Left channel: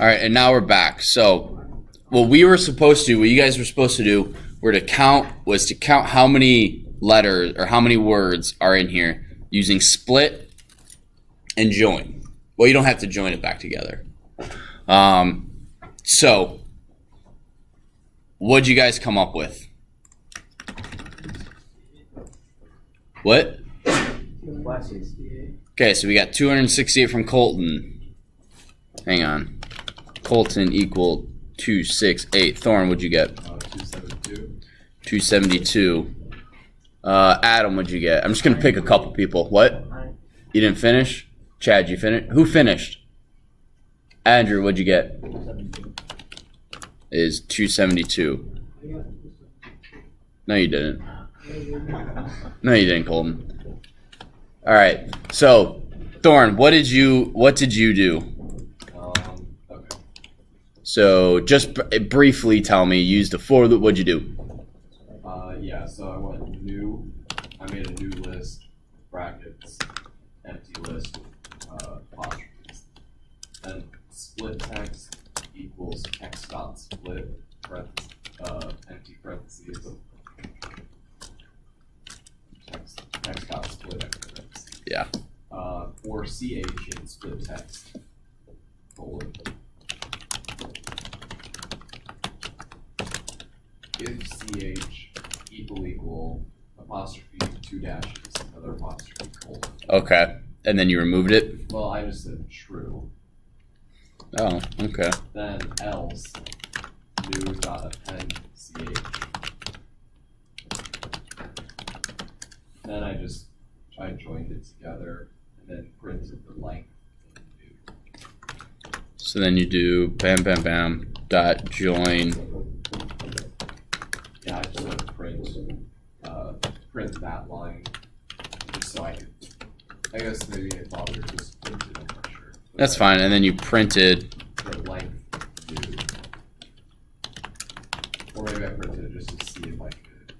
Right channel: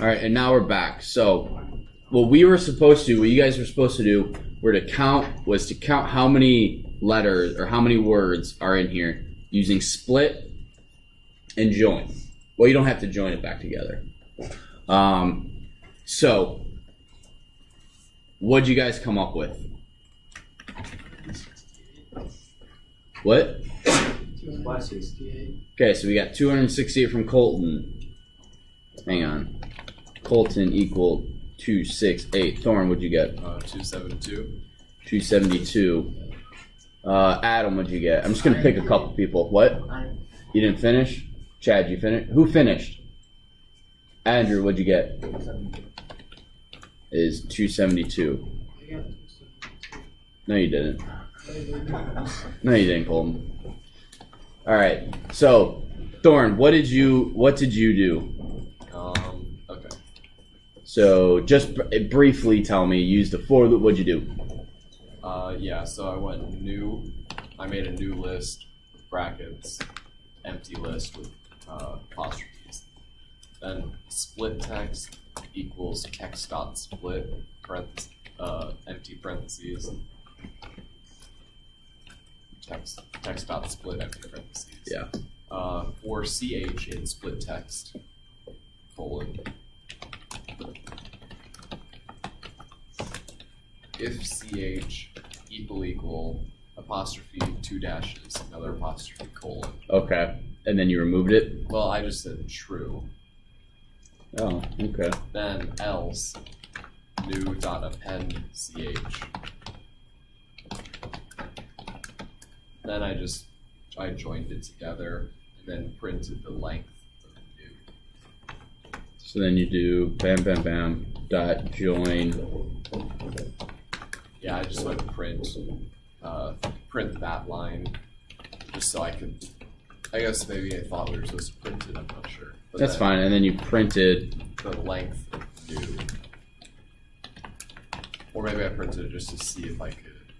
All right, and now we're back. So what you guys were supposed to do was to count how many letters or how many words are in here using split and join. Well, you don't have to join it back together. So what'd you guys come up with? What? Okay, so we got 268 from Colton. Hang on. Colton equal 268. Thorn, what'd you get? 272. 272. Adam, what'd you get? I'm just gonna pick a couple people. What? You didn't finish? Chad, you finished? Who finished? Andrew, what'd you get? 272. Is 272. No, you didn't. No, you didn't, Colton. All right. So, Thorn, what did you do? Okay. So, just briefly tell me. Use the for loop. What'd you do? Yeah. So I went new. I made a new list, brackets, empty list with apostrophes. Then split text equals text dot split empty parentheses. Text dot split empty parentheses. Yeah. For ch in split text colon. If ch equal apostrophe 2 dashes another apostrophe colon. Okay. And then you removed it? Well, I just said true. Oh, okay. Then else new dot append ch. Then I joined it together and then printed the length of new. So then you do bam bam bam dot join. Yeah, I just went to print that line just so I could. I guess maybe I thought we were supposed to print it. I'm not sure. But That's fine. And then you printed the length of new. Or maybe I printed it just to see if I could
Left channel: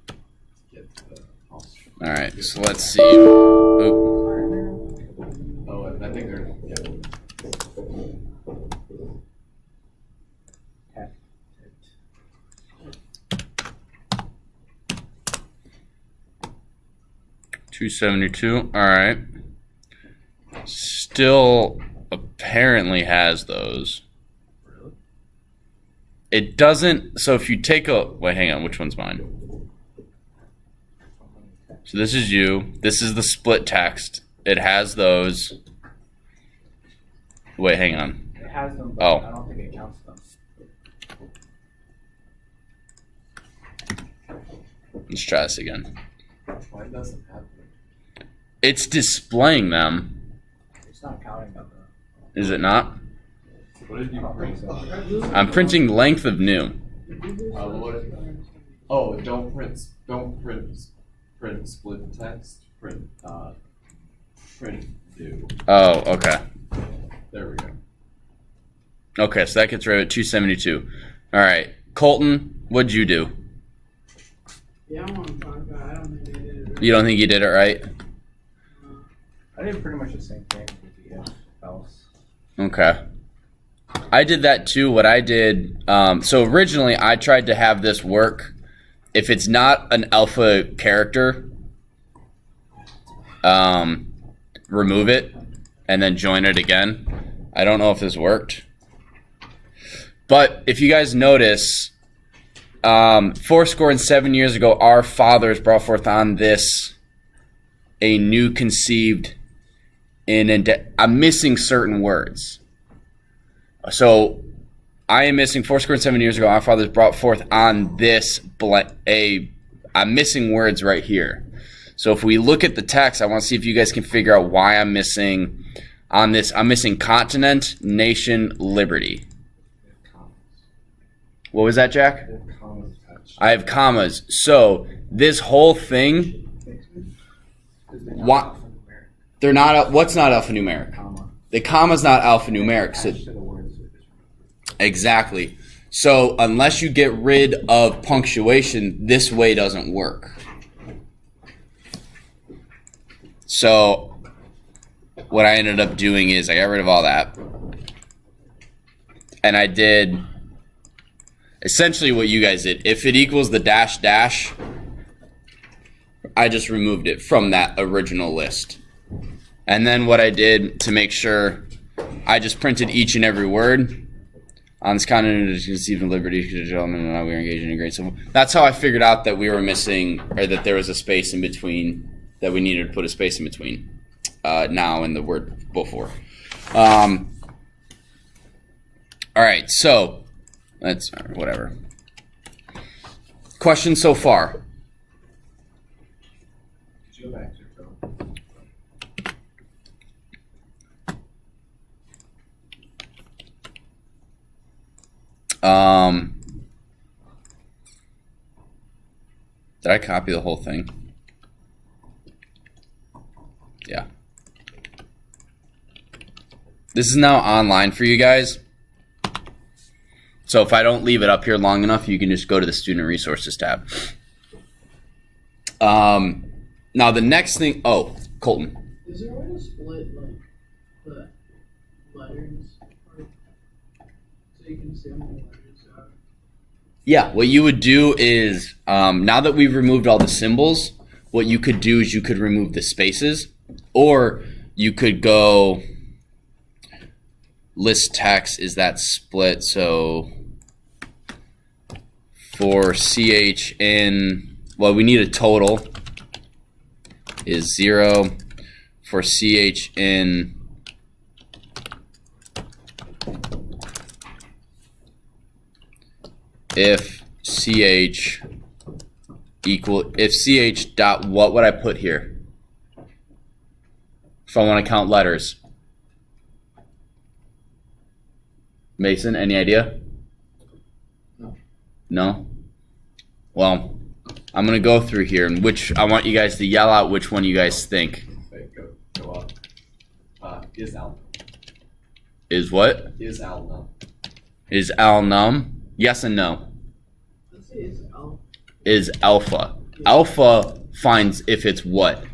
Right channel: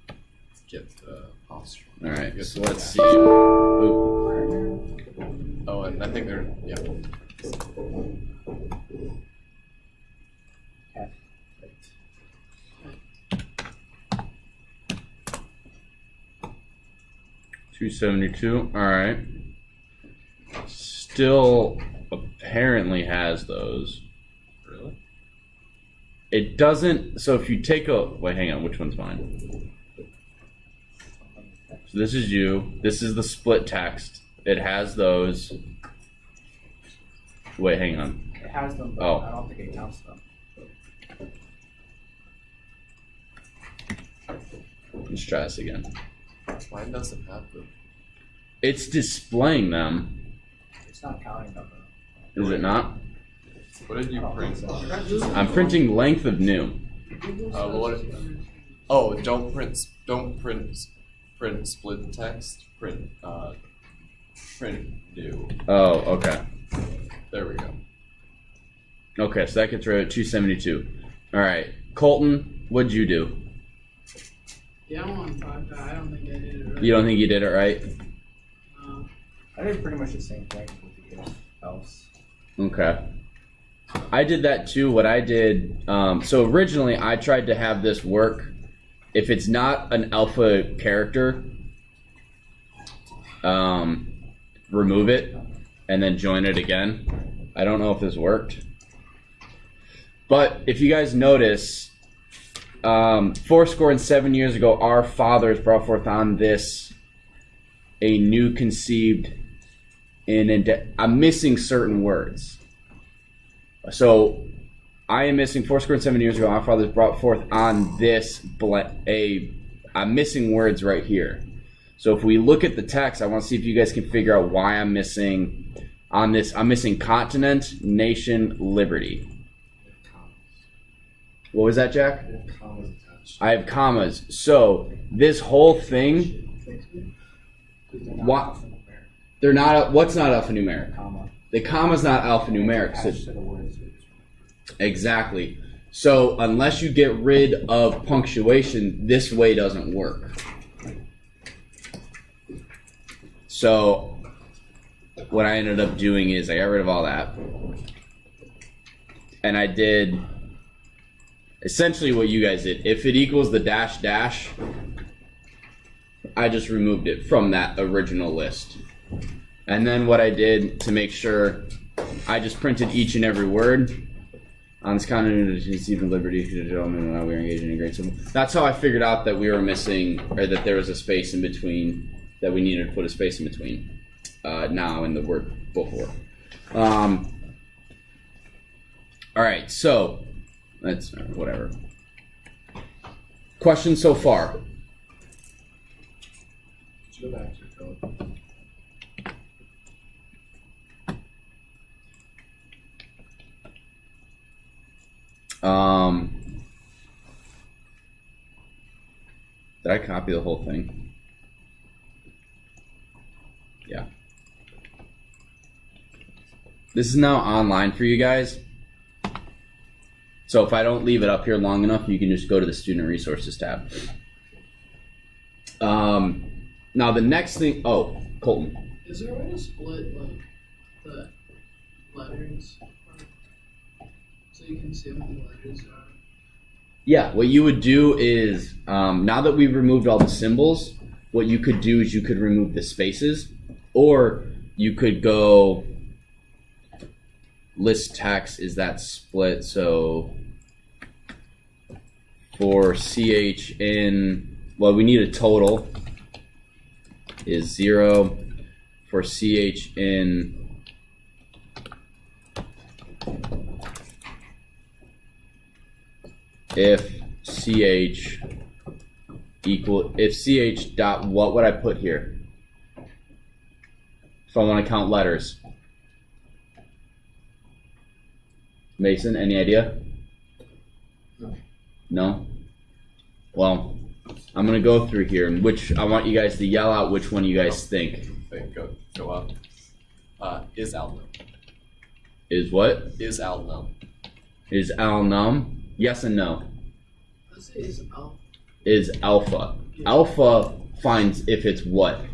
get the apostrophe. All right. So let's see. Oh. Oh, and I think they're yeah. Okay. 272. All right. Still apparently has those. Really? It doesn't. So if you take a wait, hang on. Which one's mine? So this is you. This is the split text. It has those. Wait, hang on. It has them, but Oh. I don't think it counts them. Let's try this again. Mine doesn't have them. It's displaying them. It's not counting them though. Is it not? What did you print? I'm printing length of new. Don't print split text. Print new. Oh, okay. There we go. Okay, so that gets rid of 272. All right, Colton, what'd you do? Yeah, I'm on 5. I don't think I did it right. You don't think you did it right? I did pretty much the same thing with the else. Okay. I did that too. What I did, so originally I tried to have this work. If it's not an alpha character, remove it and then join it again. I don't know if this worked. But if you guys notice, 7 years ago, our fathers brought forth on this a new conceived I'm missing certain words. So I am missing 7 years ago, our fathers brought forth on this I'm missing words right here. So if we look at the text, I want to see if you guys can figure out why I'm missing on this. I'm missing continent, nation, liberty. What was that, Jack? I have commas. So this whole thing, what? They're not. What's not alphanumeric? Comma. The comma's not alphanumeric. So, Attached to the words. exactly. So unless you get rid of punctuation, this way doesn't work. So what I ended up doing is I got rid of all that. and I did essentially what you guys did. If it equals the dash dash, I just removed it from that original list. And then what I did to make sure, I just printed each and every word. On this continent, to conceive in liberty, gentlemen, and we are engaging in great civil. That's how I figured out that we were missing, or that there was a space in between, that we needed to put a space in between now and the word before. All right, so that's whatever. Questions so far? Go back to your code. Did I copy the whole thing? Yeah. This is now online for you guys. So if I don't leave it up here long enough, you can just go to the Student Resources tab. Now the next thing, oh, Colton. Is there a way to split like the letters so you can see how many letters are? Yeah, what you would do is, now that we've removed all the symbols, what you could do is you could remove the spaces, or you could go list text, is that split? So for CH in, well, we need a total, is 0. For CH in if CH if CH dot, what would I put here? If I want to count letters. Mason, any idea? No. No? Well, I'm going to go through here, and I want you guys to yell out which one you guys think. Go up. Is Al num? Is what? Is Al num? Is Al num? Yes and no. Let's say it's alpha. Is alpha. Alpha finds if it's what?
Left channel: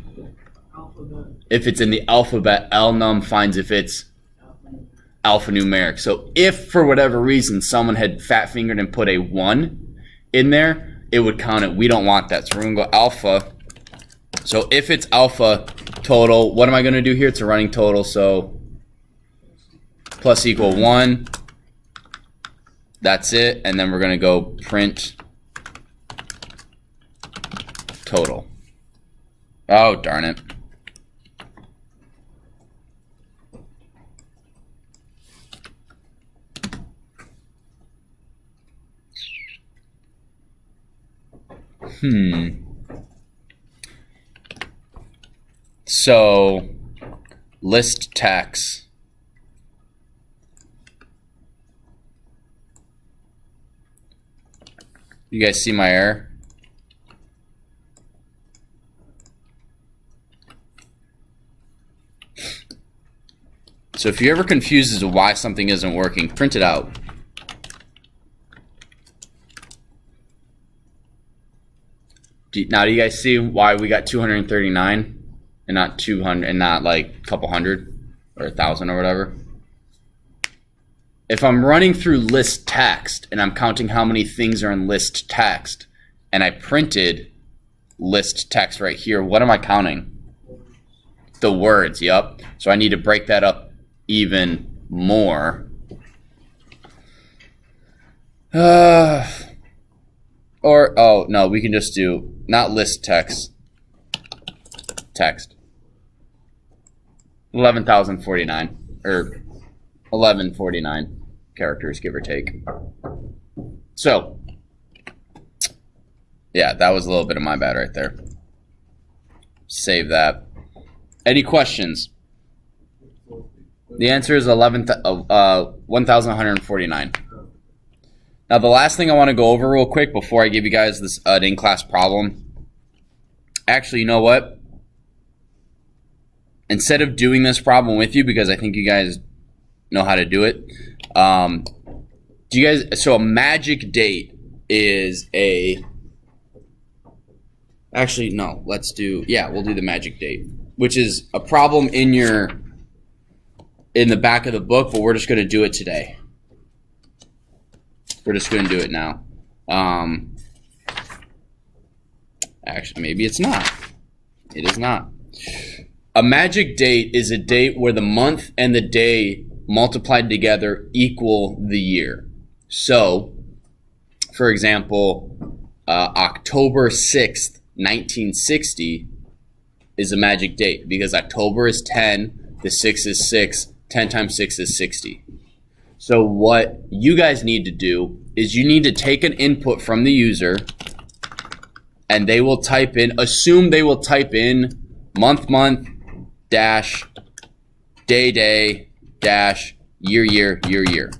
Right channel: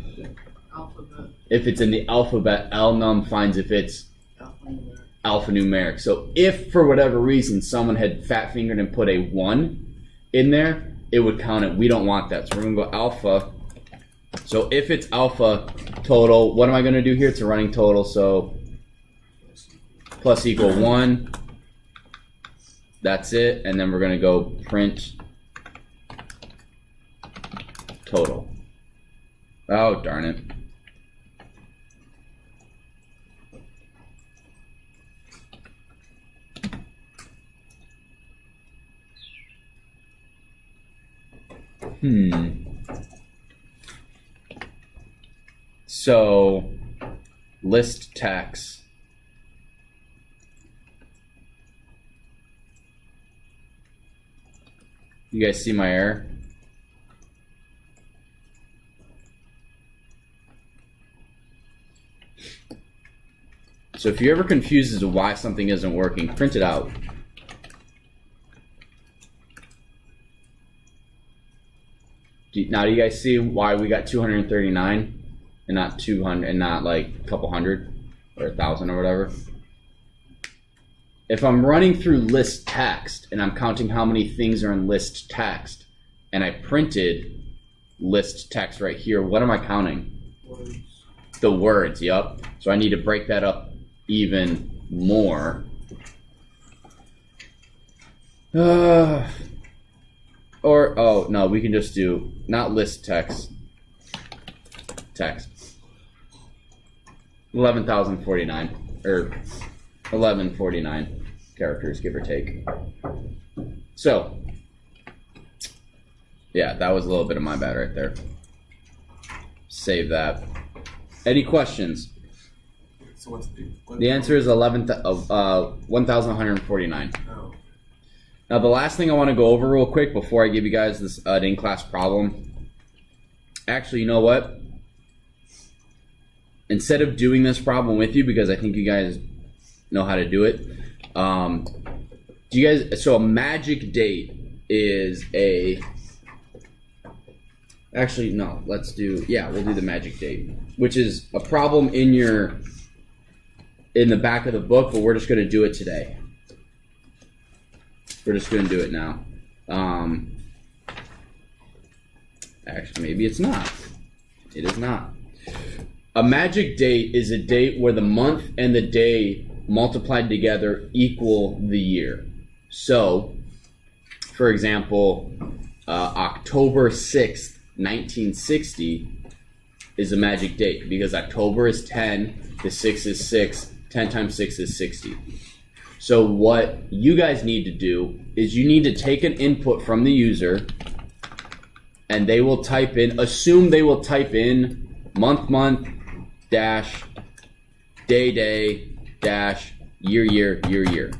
Alphabet. If it's in the alphabet, Al num finds if it's Alphanumeric. alphanumeric. So if for whatever reason someone had fat fingered and put a 1 in there, it would count it. We don't want that. So we're going to go alpha. So if it's alpha total, what am I going to do here? It's a running total. So plus equal 1. That's it. And then we're going to go print total. Oh, darn it. So list text. You guys see my error? So if you're ever confused as to why something isn't working, print it out. Now, do you guys see why we got 239 and not 200 and not like a couple hundred or 1,000 or whatever? If I'm running through list text and I'm counting how many things are in list text, and I printed list text right here, what am I counting? Words. The words, yep. So I need to break that up even more. Or, oh, no, we can just do, not list text. 11,049, or 1149 characters, give or take. So, yeah, that was a little bit of my bad right there. Save that. Any questions? So what's The answer is 1,149. Oh. Now, the last thing I want to go over real quick before I give you guys this in-class problem. Actually, you know what? Instead of doing this problem with you, because I think you guys know how to do it, do you guys? So a magic date is a. Actually, no. Let's do. Yeah, we'll do the magic date, which is a problem in the back of the book, but we're just going to do it today. We're just going to do it now. Actually, maybe it's not. It is not. A magic date is a date where the month and the day multiplied together equal the year. So, for example, October 6th, 1960 is a magic date because October is 10, the 6 is 6, 10 times 6 is 60. So what you guys need to do is you need to take an input from the user and they will type in, assume they will type in month, dash, day, dash, year.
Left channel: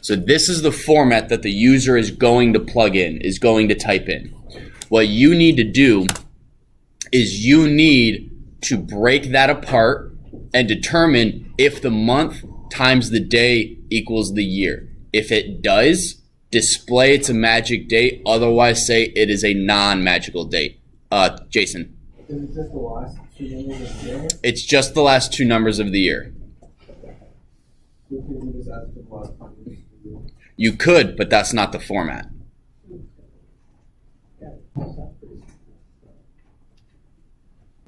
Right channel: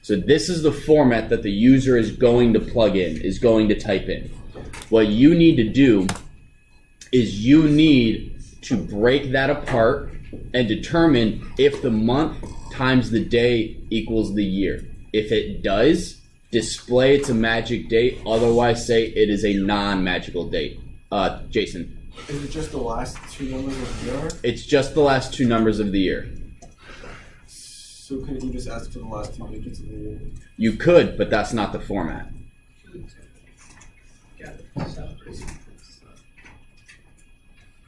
So this is the format that the user is going to plug in, is going to type in. What you need to do is you need to break that apart and determine if the month times the day equals the year. If it does, display it's a magic date, otherwise say it is a non-magical date. Jason. Is it just the last two numbers of the year? It's just the last two numbers of the year. So couldn't you just ask for the last two digits of the year? You could, but that's not the format.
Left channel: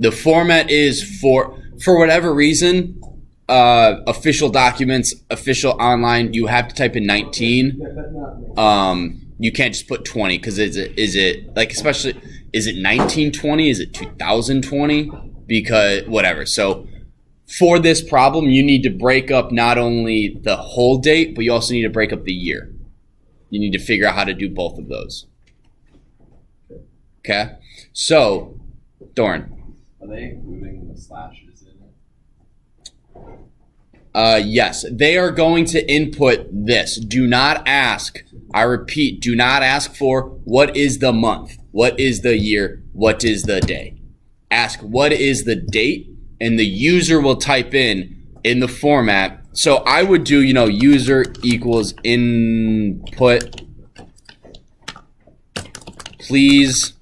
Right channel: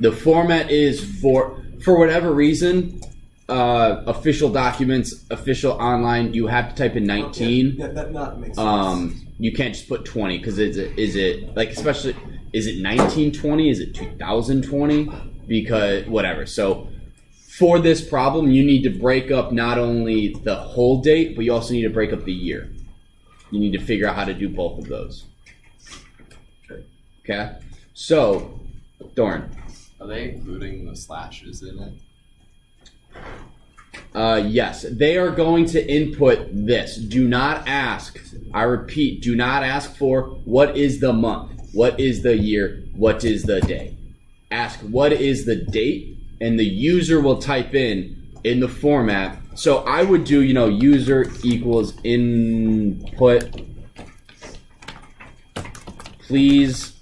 The format is for whatever reason, official documents, official online, you have to type in 19. Okay. That makes sense. You can't just put 20 because is it like, especially, is it 1920? Is it 2020? Because whatever. So for this problem, you need to break up not only the whole date, but you also need to break up the year. You need to figure out how to do both of those. Okay? So, Doran. Are they including the slashes in it? Yes, they are going to input this. Do not ask, I repeat, do not ask for what is the month, what is the year, what is the day. Ask what is the date, and the user will type in the format. So I would do, user equals input. Please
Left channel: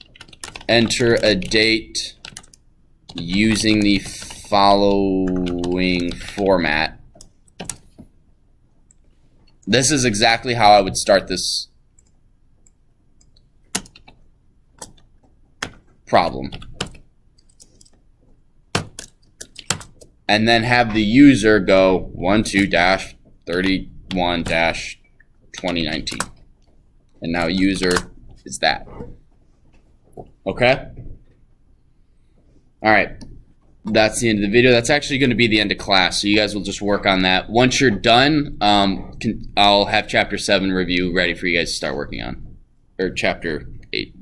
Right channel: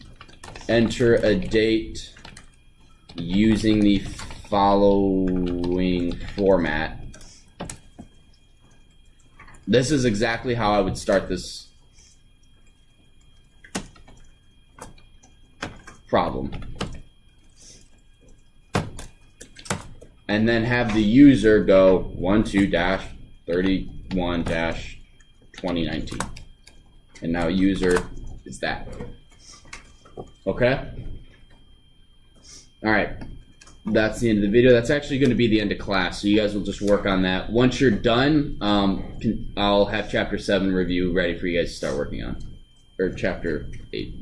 enter a date using the following format. This is exactly how I would start this problem. And then have the user go 12-31-2019. And now user is that. Okay? All right. That's the end of the video. That's actually going to be the end of class, so you guys will just work on that. Once you're done, I'll have Chapter 7 review ready for you guys to start working on. Or Chapter 8.